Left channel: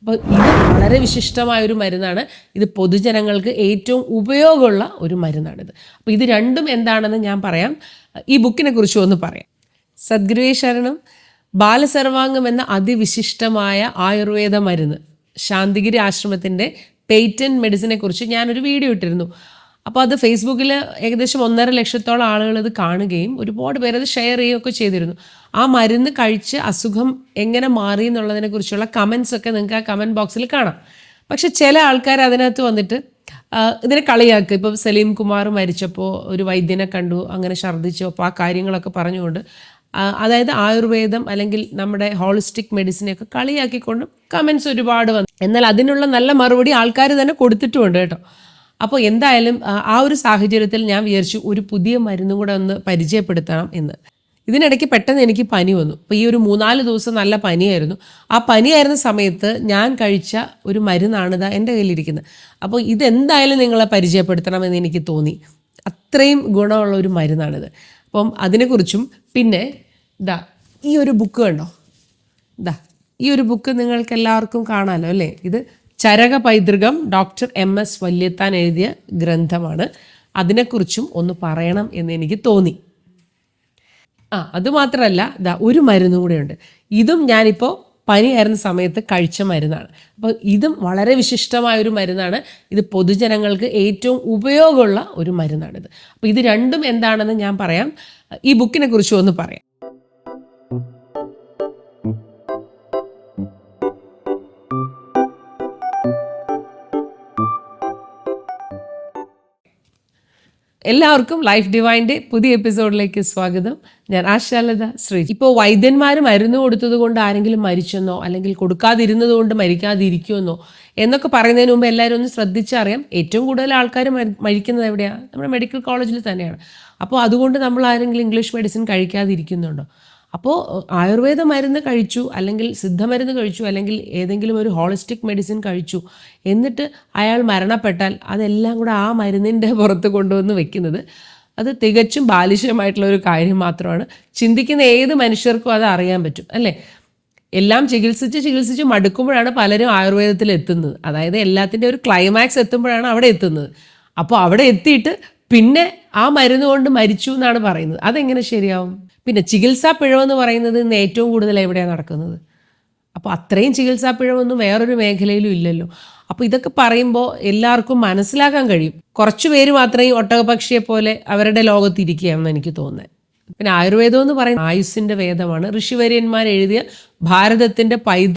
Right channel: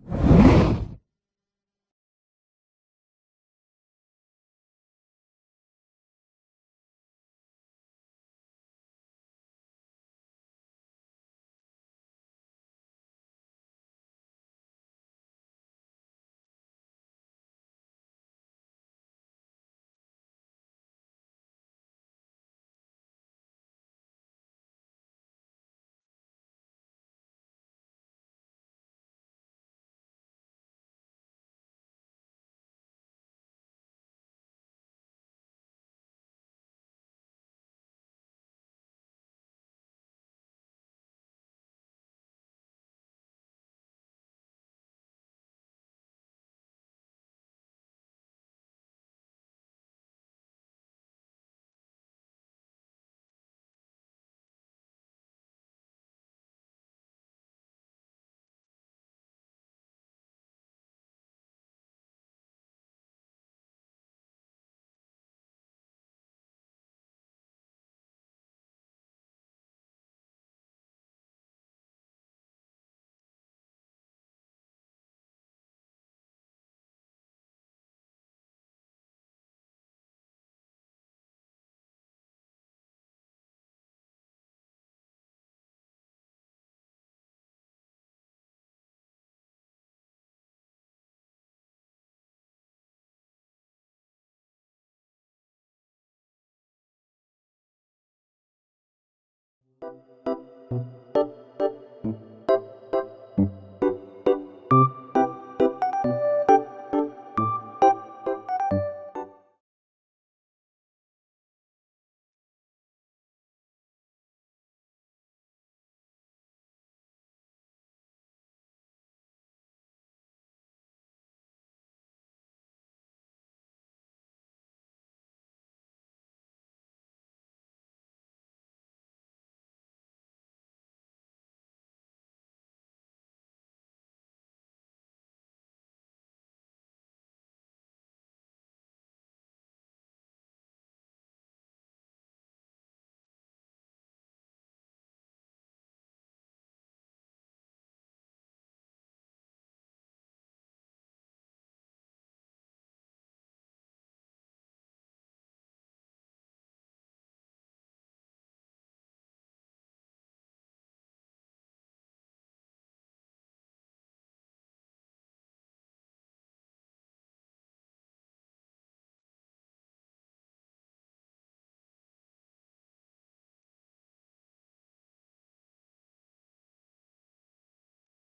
അപ്പോൾ ഇത് വളരെ വിശിഷ്ടമായൊരു മരുന്നാണ്. ഇത് പൊതുജനങ്ങൾക്ക് ഏറ്റവും ഉപയോഗമുള്ള ഒരു മരുന്നാണിത്. അപ്പോൾ ഇത് രണ്ടും എന്താണെന്ന് ഞാൻ പറയാം. ഈ ബുക്കിനെ കുറിച്ചും ഒന്ന് പറയാം. സദ്ഗുരുവേ ശരണം. ബാലസർവാംഗം എന്ന അതിവിശിഷ്ടമായ ആയുർവേദ മരുന്ന്, ശാന്തിഗിരി ആശ്രമത്തിൻ്റെ പേറ്റന്റ് മെഡിസിനെ കുറിച്ച് ഞാനൊരു വീഡിയോ ഇട്ടിരുന്നു. അപ്പോൾ അത് ഫേസ്ബുക്കിൽ ഏകദേശം 1.5 ലക്ഷത്തോളം ആളുകൾ ഇത് കാണുകയും ഒരുപാട് പേരത് ഷെയർ ചെയ്യുകയൊക്കെ ചെയ്തിരുന്നു. ആ മരുന്ന് കഴിച്ച് അസുഖം എങ്ങനെ മാറി എന്നുള്ളതിനെക്കുറിച്ചുള്ള കമൻസ് ഒക്കെ നിങ്ങൾക്ക് ആ കമൻറ്റ് ബോക്സിൽ കാണാം. പക്ഷെ ചില ആൾക്കാർ അതിനകത്ത് വന്നിട്ട് ഇതിനെ കളിയാക്കുക. ഇപ്പം സലീം കുമാർ മരിച്ചപ്പോൾ ഒരു വൈദ്യനെ കണ്ടു, അങ്ങനെ ഛർദ്ദിച്ചു, അപ്പോൾ ആ കാര്യങ്ങളൊക്കെ പറഞ്ഞുകൊണ്ട് അതായത് ആയുർവേദം അല്ലെങ്കിൽ നമ്മുടെ ഹോളിസ്റ്റിക് മെഡിസിനെയൊക്കെ കളിയാക്കിക്കൊണ്ട് കമൻസ് ഒരുപാട് വന്നു. എന്നാൽ അതിനുള്ള നല്ല മറുപടി ആൾക്കാർ തന്നെ കൊടുത്തിട്ടുമുണ്ട് കേട്ടോ. അപ്പോൾ എന്തായാലും ആ ഒരു സാഹചര്യത്തിൽ ഞാൻ വിചാരിച്ചു ഒരു പുതിയ മരുന്നും കൂടെ ഒന്ന് പരിചയപ്പെടുത്തണം എന്ന്. ഇതിനിടയ്ക്ക് പെട്ടെന്ന് എനിക്ക് പനി വന്നു. അപ്പോൾ ഈ ഒരു 3-4 ദിവസം നല്ല പനിയായിരുന്നു. ആ പനിയായിരുന്ന സമയത്ത് ഞാൻ കഴിച്ച ഒരു മരുന്നാണിത് എൻ്റെ കയ്യിലിരിക്കുന്നത്. അപ്പോൾ ഇതെന്തായാലും നിങ്ങളെ പരിചയപ്പെടുത്തണമെന്ന് എനിക്ക് തോന്നി. അത്രയും ഗുണമുള്ള ഒരു മരുന്നാണിത്. അപ്പം അതിനെക്കുറിച്ചും പിന്നെ ഈ ഒരു ബുക്ക് കണ്ടോ, ഈ ഒരു ബുക്ക് നിങ്ങൾക്ക് എല്ലാവർക്കും കാണാമല്ലോ അല്ലേ. ഇത് ചരക പൈതൃകം ഡോക്ടർ MS വല്യത്താൻ എഴുതിയ ഗ്രന്ഥമാണ്. അതിനെക്കുറിച്ചും ഒന്ന് പറയണം എന്ന് എനിക്ക് തോന്നി. അതുമാത്രമല്ല ഒരു മരുന്നും കൂടെയുണ്ട്. ഇതും ഞാനിപ്പോൾ പനിയായിരുന്ന സമയത്ത് കഴിച്ച മരുന്നാണ്. അപ്പോൾ ഇതും വളരെ വിശിഷ്ടമായൊരു മരുന്നാണ്. ഇത് പൊതുജനങ്ങൾക്ക് ഏറ്റവും ഉപയോഗമുള്ള ഒരു മരുന്നാണിത്. അപ്പോൾ ഇത് രണ്ടും എന്താണെന്ന് ഞാൻ പറയാം. ഈ ബുക്കിനെ കുറിച്ചും ഒന്ന് പറയാം. എല്ലാവർക്കും ലൈഫ് ഡിവൈൻ്റെ പുതിയ എപ്പിസോഡിലേക്ക് സ്വാഗതം. ഞാൻ ആശാലത ശ്രീ. ഇപ്പോൾ വൈദ്യന്മാർ മരുന്ന് കൊടുത്തത് കൊണ്ട് ആരെങ്കിലും മരിച്ചെന്നോ അല്ലെങ്കിൽ കൊടുക്കാതിരുന്നത് കൊണ്ട് മരിക്കാതിരിക്കുമെന്നോ എന്നൊക്കെ പറയുന്നതിന് മുമ്പ് എല്ലാവരും ഒന്ന് ശ്രദ്ധിച്ചറിയാം. ഏറ്റവും കൂടുതൽ ആൾക്കാർ മരിക്കുന്നത് എവിടെയാണ്? നമ്മുടെ മെഡിക്കൽ കോളേജിൽ തന്നെയാണ്. അപ്പോൾ അതുകൊണ്ട് നമ്മൾ ആരെങ്കിലും ഇംഗ്ലീഷ് മെഡിസിൻ കഴിക്കാതിരിക്കുന്നുണ്ടോ? അപ്പോൾ ആയുർവേദ മരുന്ന് കഴിച്ചു, അല്ലെങ്കിൽ സിദ്ധമരുന്ന് കഴിച്ചു, അല്ലെങ്കിൽ ഏതെങ്കിലും ഒരു ഹോളിസ്റ്റിക് മെഡിസിൻ കഴിച്ചു, എന്നിട്ട് അയാൾ മരണപ്പെട്ടാൽ അതെല്ലാം കൂടെ ആ മരുന്നിൻ്റെ പുറത്ത് കൊണ്ടുവന്ന് വെക്കുന്നത് അത് തികച്ചും ബാലിശമായിട്ടുള്ള ഒരു കാര്യം മാത്രമാണ്. ചിന്തിക്കുന്ന ഏത് മനുഷ്യർക്കും അത് അറിയാൻ പറ്റും അല്ലേ. എല്ലാം ചികിത്സിച്ച് മടുക്കുമ്പോഴാണ് പലരും ആയുർവേദത്തിൽ എത്തുന്നത്. അതായത് എല്ലാത്തിൻ്റെ ഒരു ക്ലൈമാക്സ് എത്തുമ്പോഴാണ് അവിടെ എത്തുന്നത്. അപ്പോൾ അവിടെ എത്തിയിട്ട് പിന്നെ ആ മരുന്ന് കൊണ്ട് മരിച്ചു എന്നാണ് പറയുന്നത്. അതെങ്ങനെ ശരിയാവും? പിന്നെ ചികിത്സാ പിഴവെന്ന് പറയുന്നത് ഇന്ന് ഏറ്റവും കൂടുതൽ എവിടെയാണ് നടക്കുന്നത്? അപ്പോൾ അത്രയും ചികിത്സാ പിഴവൊന്നും വേറൊരു മേഖലയിലും ഇല്ലല്ലോ. അപ്പോൾ ഇതൊക്കെ പറയുമ്പോൾ എല്ലാവർക്കും മനസ്സിലാക്കാൻ കഴിയും. കുറച്ച് പേര് മാത്രമേ ഈ ഒട്ടകപക്ഷിയെ പോലെ അവരുടെ ലോകത്തിരിക്കുകയാണെന്ന് എനിക്ക് തോന്നുന്നത്. പിന്നെ ആയുർവേദം എന്ന് പറയുന്നത് ആയുസ്സിൻ്റെ വേദമാണ്. ഋഷിവര്യന്മാർ എഴുതിയ ഭാരതത്തിൻ്റെ